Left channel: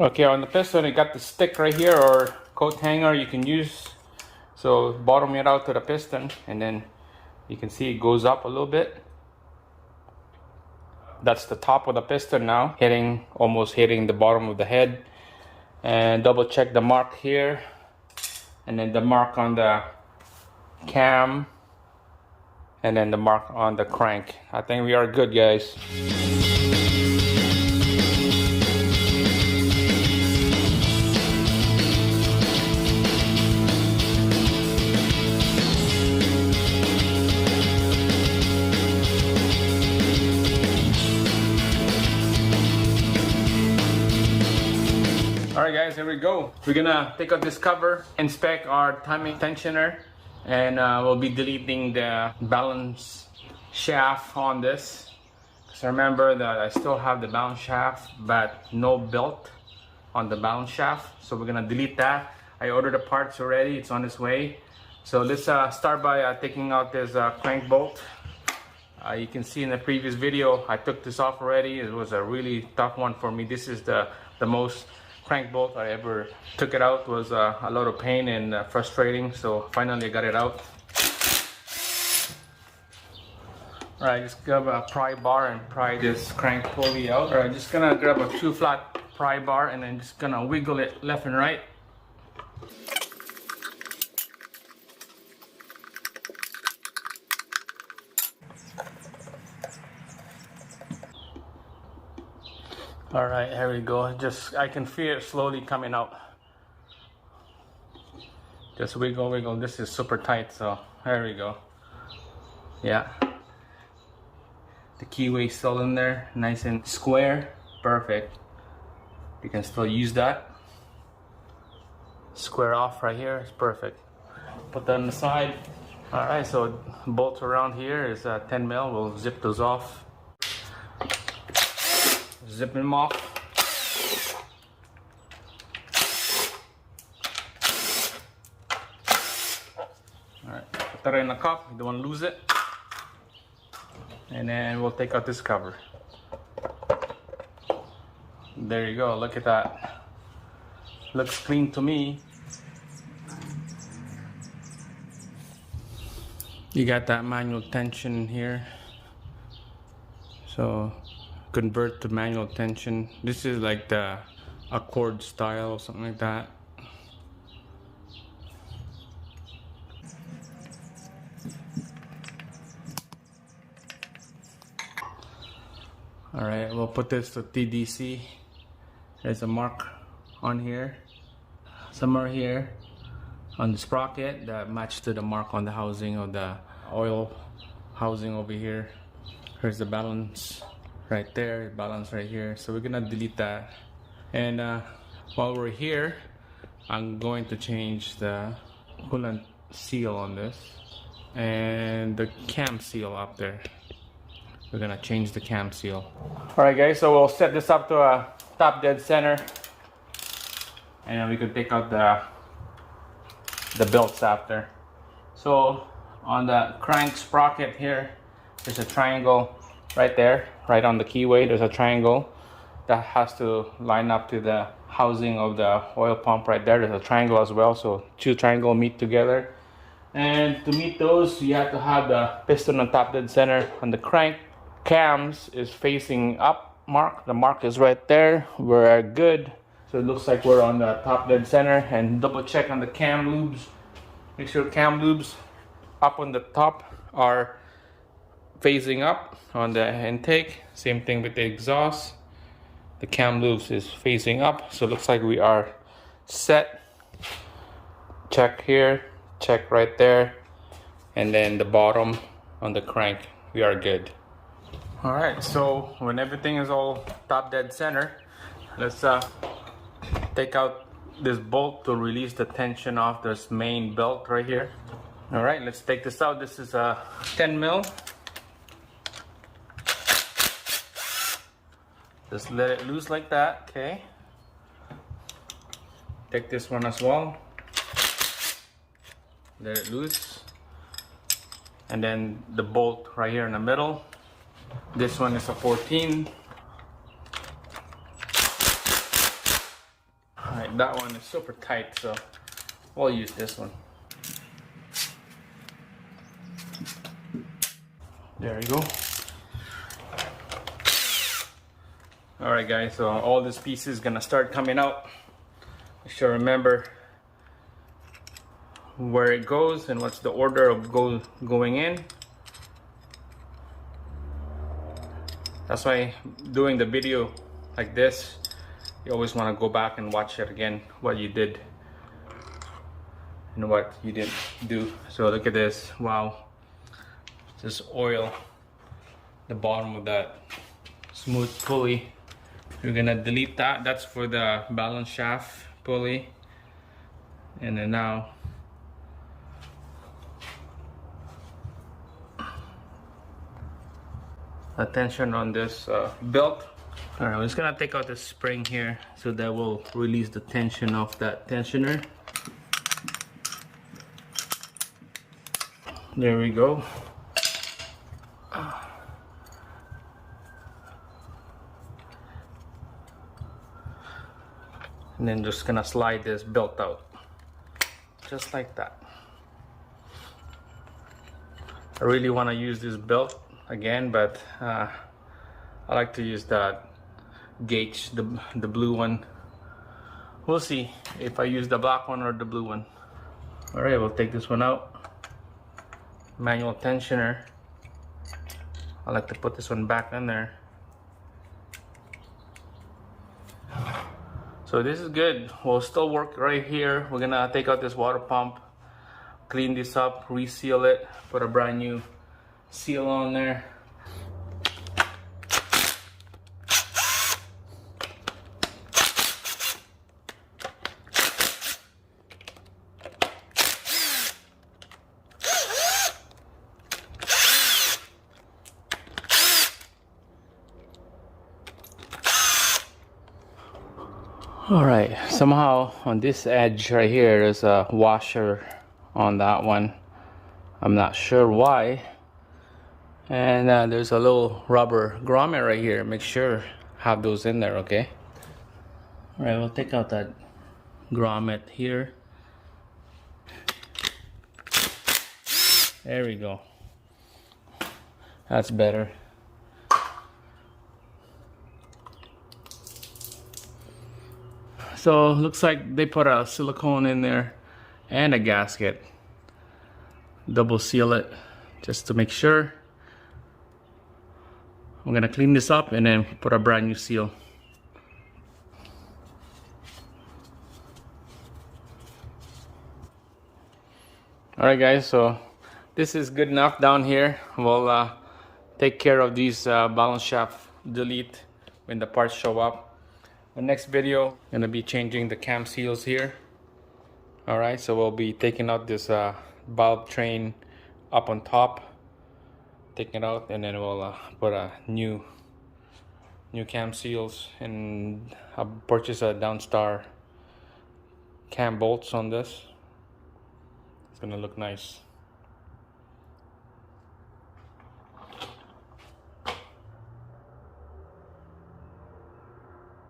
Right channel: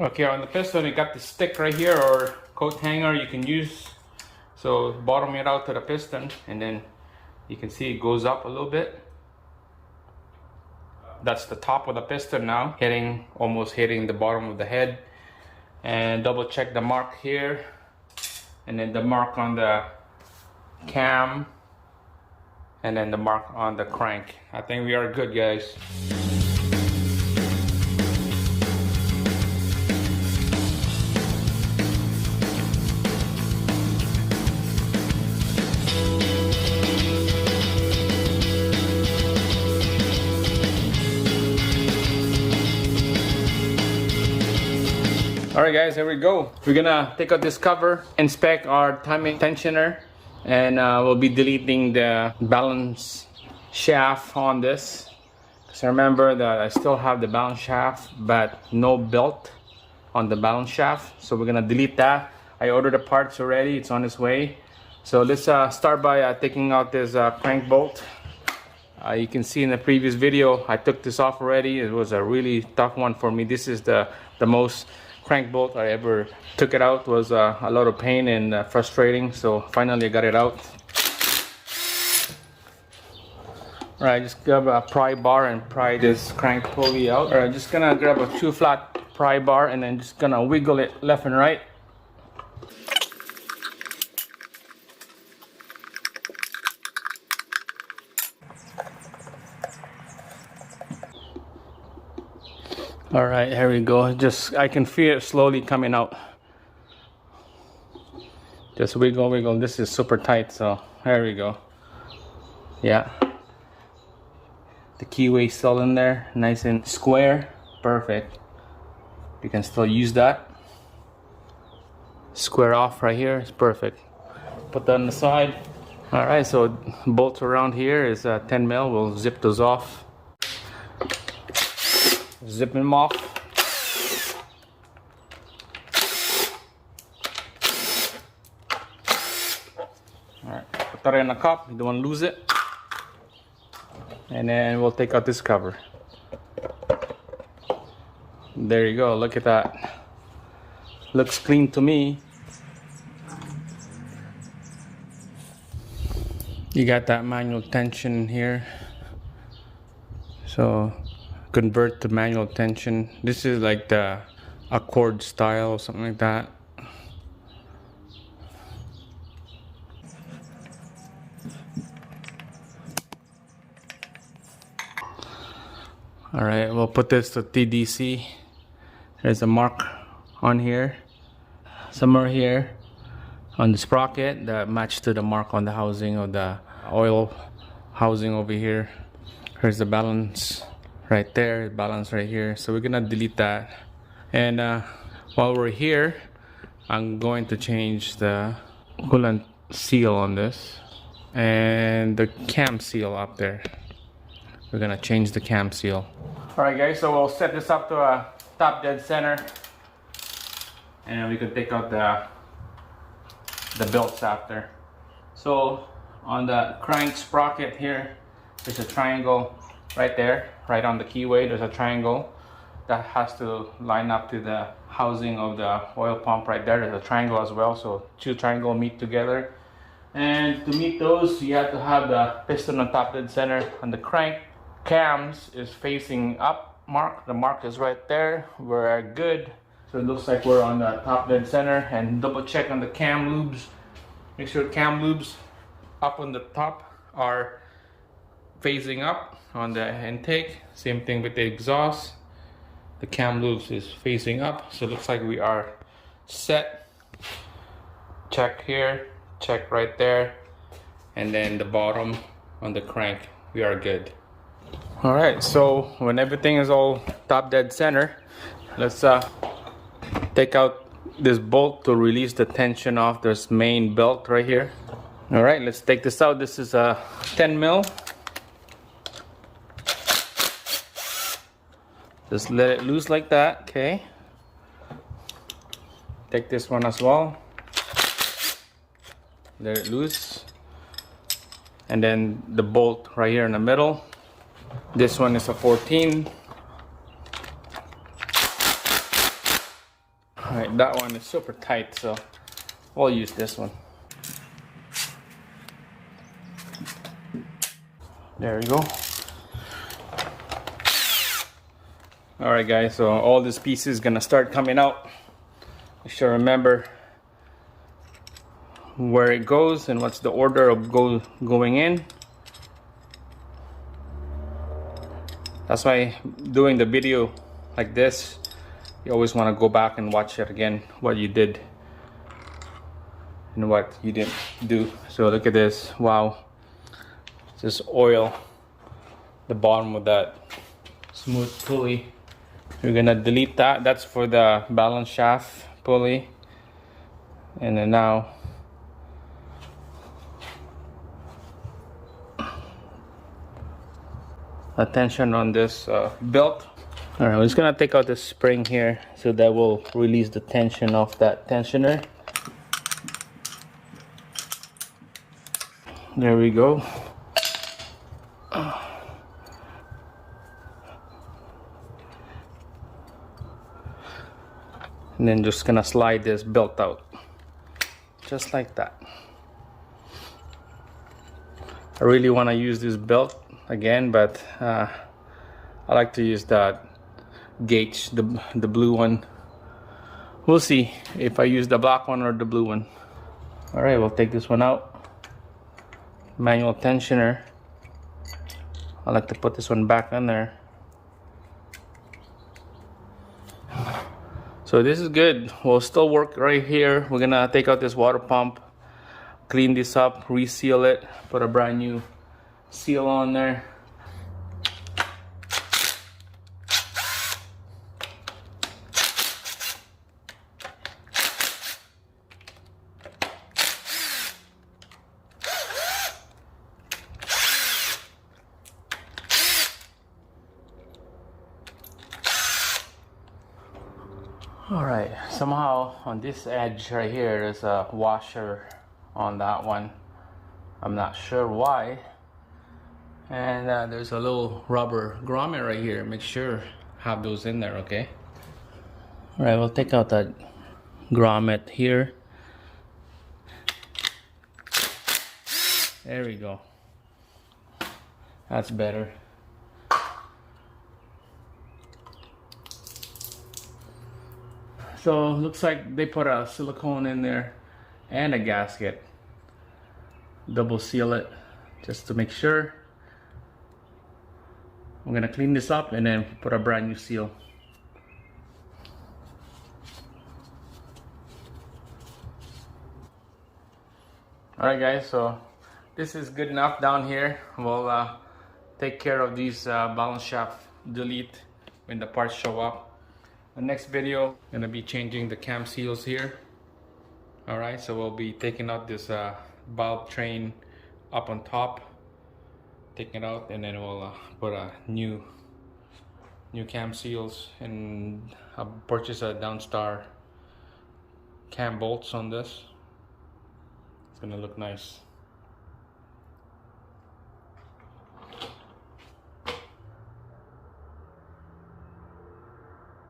Okay, on the piston you got the stick right here or coat hanger you can use. So bottom it out to the piston and then you can see it goes up a little bit. That's the top of the piston now, almost hitting the bottom of the head. And double check the mark here and then the mark on the cam and then the mark on the crank. I think we are good, guys. Alright guys, here we go. We're gonna take out this cover, inspect our timing tensioner, and we'll be deleting the balance shaft on this. So remember that I still have the balance shaft but no belt on the balance shaft. So we're gonna delete that. I ordered the parts already, it's on its way. So let's start by taking out this crank bolt. You can see in the previous video I took this off already. It was a really tough one for me. This is the most crank bolt I ever took it out. It was a lot of pain and frustrating, so finally I got it out. Alright, just grab a pry bar and pry this crank pulley out. Alright, just gonna grab a 2 flat pry bar and then just gonna wiggle it left and right. All right, here we go. I can feel it slowly coming out. Just wiggle, wiggle. This is super tight, so there we go. Yeah. The keyway still in there, nice and square. Perfect. You can still use that. Square off right here is perfect. Put that on the side. All right, so bolts around here is 10 mil. We'll zip those off. Zip them off. Alright, put that in the cup, you don't want to lose it. And then we'll take out this cover. There you go, look at that. Looks clean to me. You got that manual tension here. So convert to manual tension. This is like the Accord style or something like that. Alright, we'll put this to TDC. There's a mark on here, somewhere here on the sprocket that matched to the mark on the housing of the oil housing over here. Here's the balance right there, balance right here. So we're gonna delete that. And while we're here, I'm going to change the coolant seal on this and the cam seal up there. We're gonna change the cam seal. All right guys, so we'll set this up to a top dead center and we can take out the belts after. So on the crank sprocket here, there's a triangle right there, right on the keyway. There's a triangle that has to line up to the housing of the oil pump right there. There's a triangle as well, so 2 triangles meet together. And to meet those, you have to have the piston on top dead center, and the crank cams is facing up. The mark is right there. We're good. So it looks like we're on the top dead center. And double check on the cam lubes. Make sure cam lubes up on the top are facing up on the intake. Same thing with the exhaust. The cam loops is facing up, so it looks like we are set. Check here, check right there, and then the bottom on the crank, we are good. All right, so when everything is all top dead center, let's take out this bolt to release the tension off this main belt right here. All right, let's take this out. This is a 10 mil. Just let it loose like that, okay? Take this one as well. Let it loose. And then the bolt right here in the middle. This one is a 14. Alright, that one is super tight, so we'll use this one. There we go. Alright guys, so all this piece is gonna start coming out. You should remember where it goes and what's the order of going in. That's why doing the video like this, you always want to go back and watch it again, what you did and what you didn't do. So look at this, wow, just oil the bottom of that smooth pulley. We're gonna delete that. That's for the balance shaft pulley. And then now attention on this belt. All right, we're just gonna take out the spring here so that will release the tension of that tensioner. There we go. And then just gonna slide this belt out just like that. I really want to use this belt again, but I like to use that gauge, the blue one. We'll see if I use the black one or the blue one. All right, we'll take this one out. Manual tensioner. I like to put this one back in there. So this is good. We'll still work right here. We're gonna take out this water pump, clean this up, reseal it, put a brand new seal on there. All right, somehow on this edge right here there's a washer on that one. I'm not sure why. And there's a little rubber grommet right here. Make sure have those in there, okay? All right, we'll take out that grommet here. There we go. That's better. So looks like they put a silicone in there and a gasket. Double seal it just to make sure. I'm gonna clean this up and then put a brand new seal. Alright guys, so this is good enough down here. We'll take care of these balance shaft delete when the parts show up. The next video, gonna be changing the cam seals here. Alright, so we'll be taking out this valve train up on top, taking it out, and then we'll put a new cam seals, and I'll purchase a Downstar cam bolts on this. It's gonna look nice.